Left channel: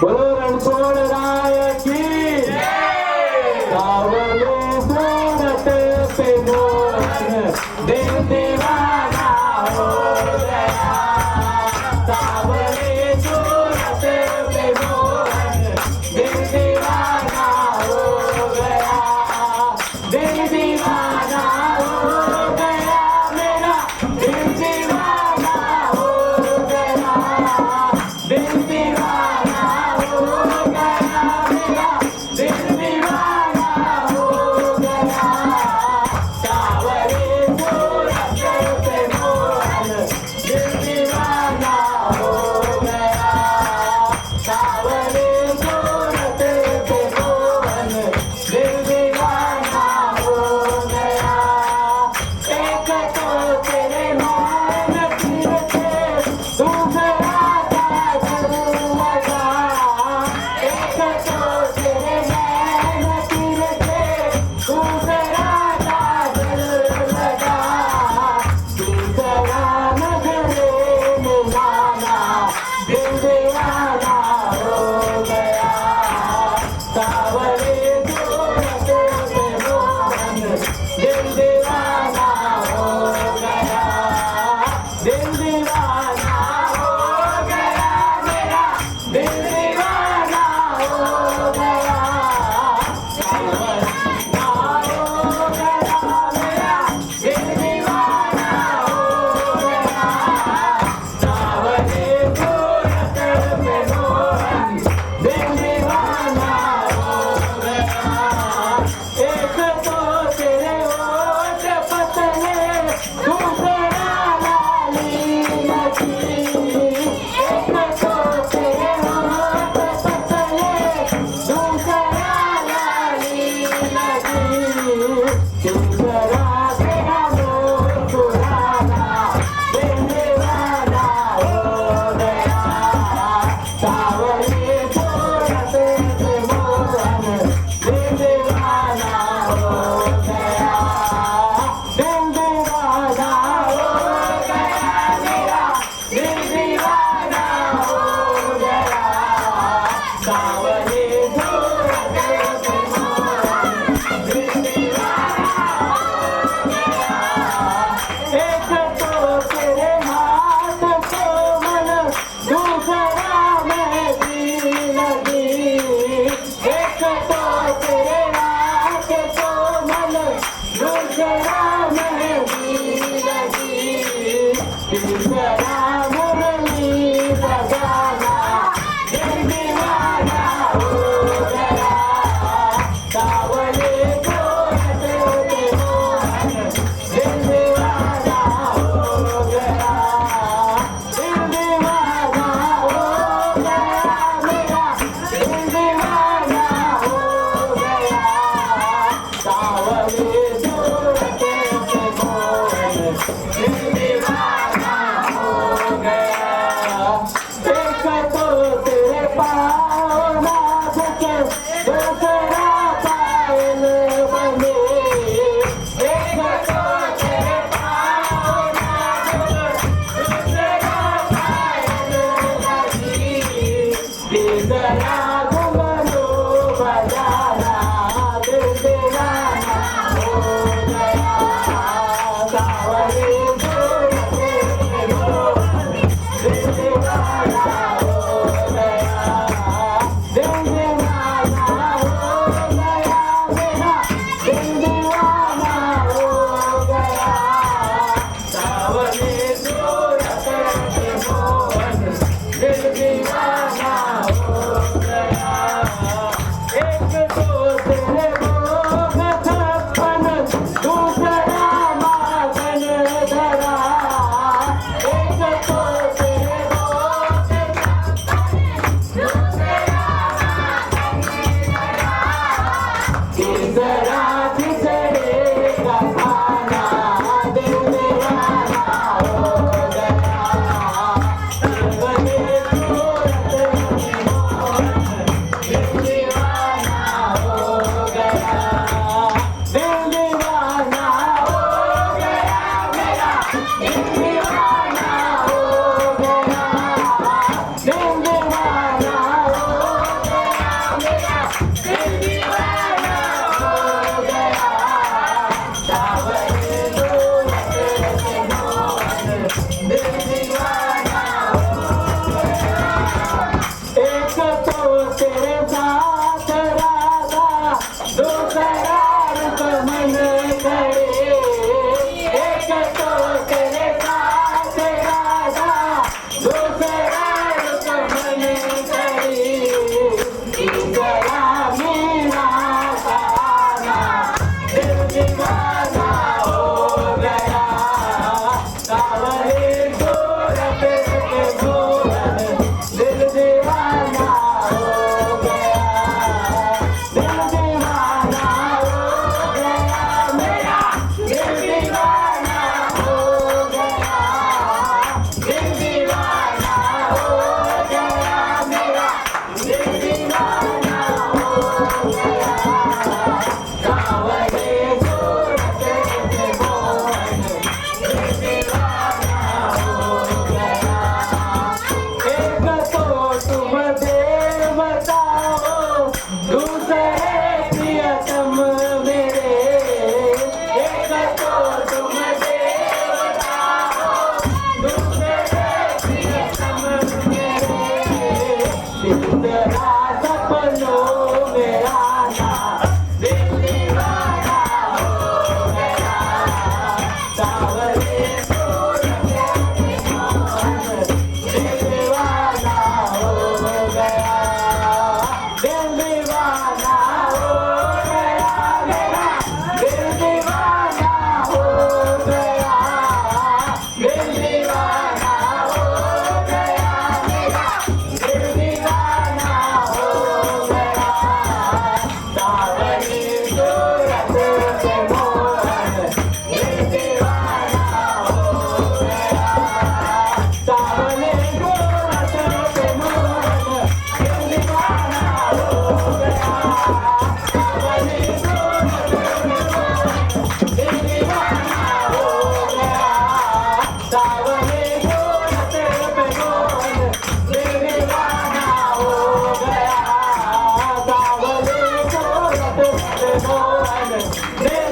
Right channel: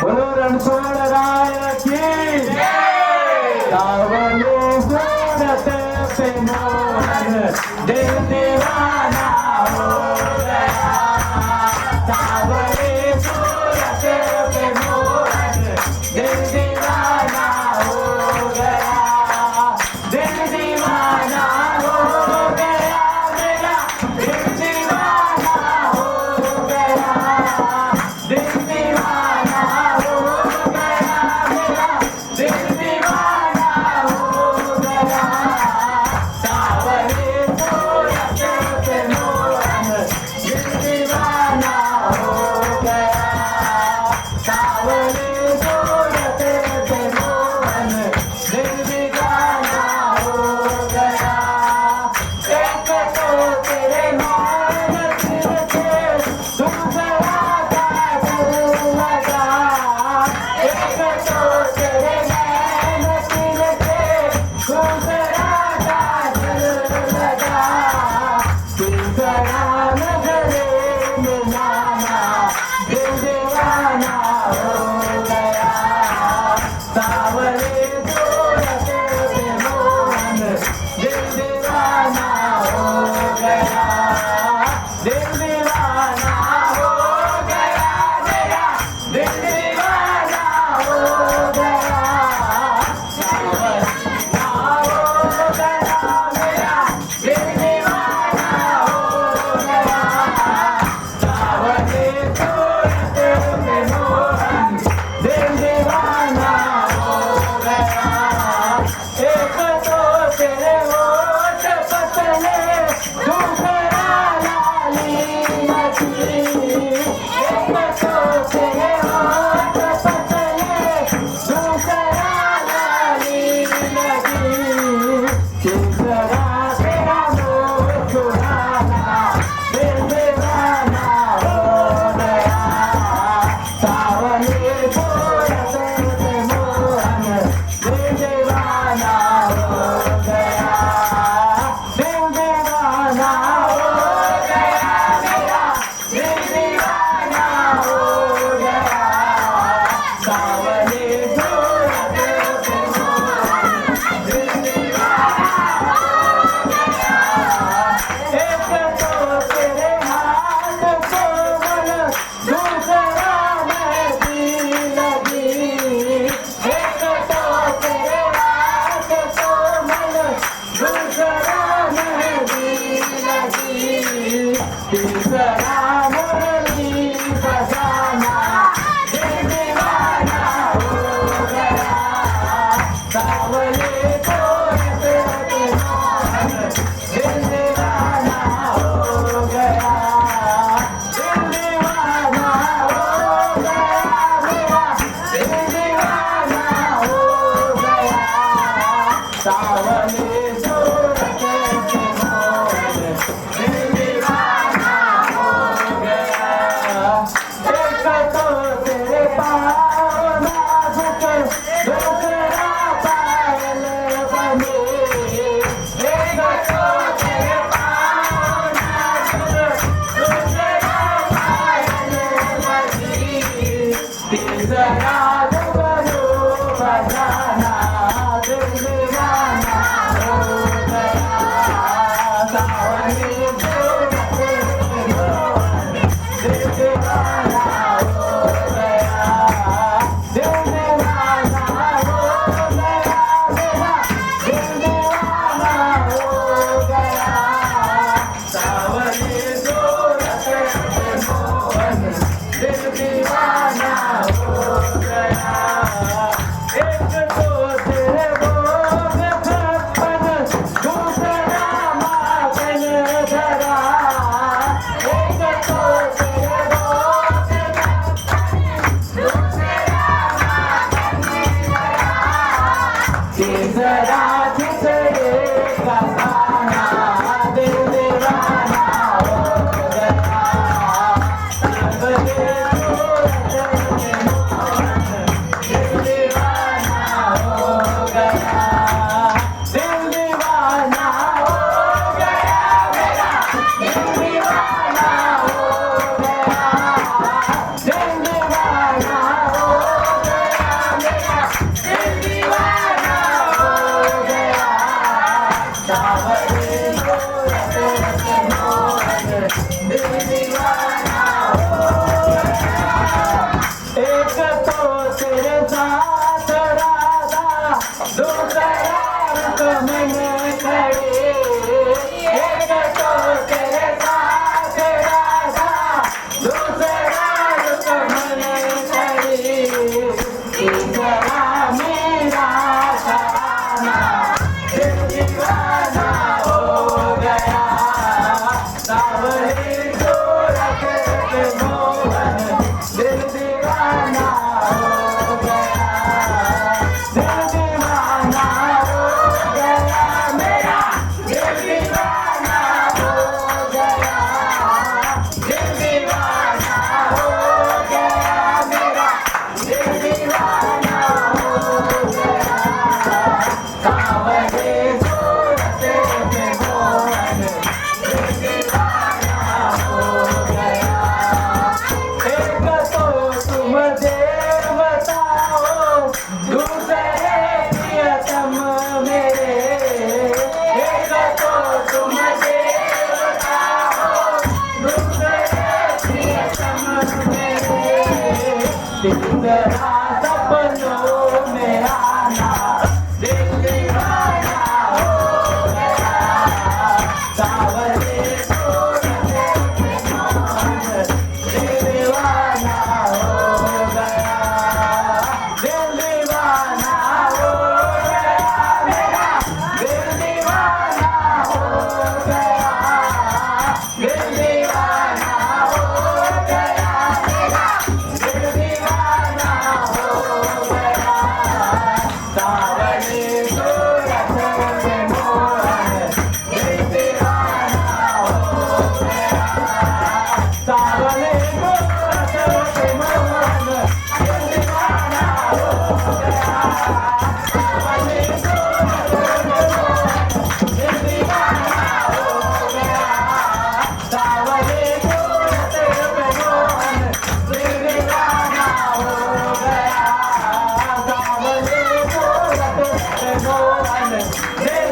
बोलो रणछोड़ राय की सावले सूरत पे मोहन दिल दीवाना हो गया सावले सूरत पे मोहन दिल दीवाना हो गया दिल दीवाना हो गया मेरा दिल दीवाना हो गया दिल दीवाना हो गया मेरा दिल दीवाना हो गया सावरे सूरत पे मोहन दिल दीवाना हो गया सावरे सूरत पे मोहन दिल दीवाना हो गया एक तो तेरे मान के दूसरा काजल लगा एक तो तेरे नैन के दूसरा काजल लगा दूसरा नजरे में जाना दिल दीवाना हो गया सावरे सूरत पे मोहन दिल दीवाना हो गया दिल दीवाना हो गया मेरा दिल दीवाना हो गया सावरा हो गया मेरा दिल दीवाना हो गया सावरे सूरत पे मोहन दिल दीवाना हो गया एक तो तेरे होठ पतले दूसरा लाली लगी एक तो तेरे होठ पतले दूसरा लाली लगी तीसरा तेरा मुस्कुराना दिल दीवाना हो गया सावरे सूरत पे मोहन दिल दीवाना हो गया दिल दीवाना हो गया मेरा दिल दीवाना हो गया सावरे सूरत पे मोहन दिल दीवाना हो गया एक तो तेरे हाथ को मन दूसरा मेहंदी लगी एक तो तेरे हाथ को मन दूसरा मेहंदी लगी तीसरा मुरली बजाना दिल दीवाना हो गया सावरे सूरत पे मोहन दिल दीवाना हो गया दिल दीवाना हो गया मेरा दिल दीवाना हो गया सावरे सूरत पे मोहन दिल दीवाना हो गया एक तो तेरे पाँव नाजुक दूसरा पायल बने एक तो तेरे पाँव नाजुक दूसरा पायल बनी तीसरा घुंघरू बजाना दिल दीवाना हो गया सावरे सूरत पे मोहन दिल दीवाना हो गया दिल दीवाना हो गया मेरा दिल दीवाना हो गया सावरे सूरत पे मोहन दिल दीवाना हो गया एक तो तेरे भोग छप्पन दूसरा माखन धरा एक तो तेरे भोग दूसरा माखन धरा तीसरा खिचड़ी का खाना दिल दीवाना हो गया सावरे सूरत पे पिंजरा सपनों में आना दिल दीवाना हो गया सावरे सूरत पे मोहन दिल दीवाना हो गया दिल दीवाना हो गया मेरा दिल दीवाना हो गया दिल दीवाना हो गया मेरा दिल दीवाना हो गया सावरी सूरत पे मोहन दिल दीवाना हो गया सावरी सूरत पे मोहन दिल दीवाना हो गया सावरी सूरत पे मोहन दिल दीवाना हो गया सावरी सूरत पे मोहन दिल दीवाना हो गया सावरी सूरत पे मोहन दिल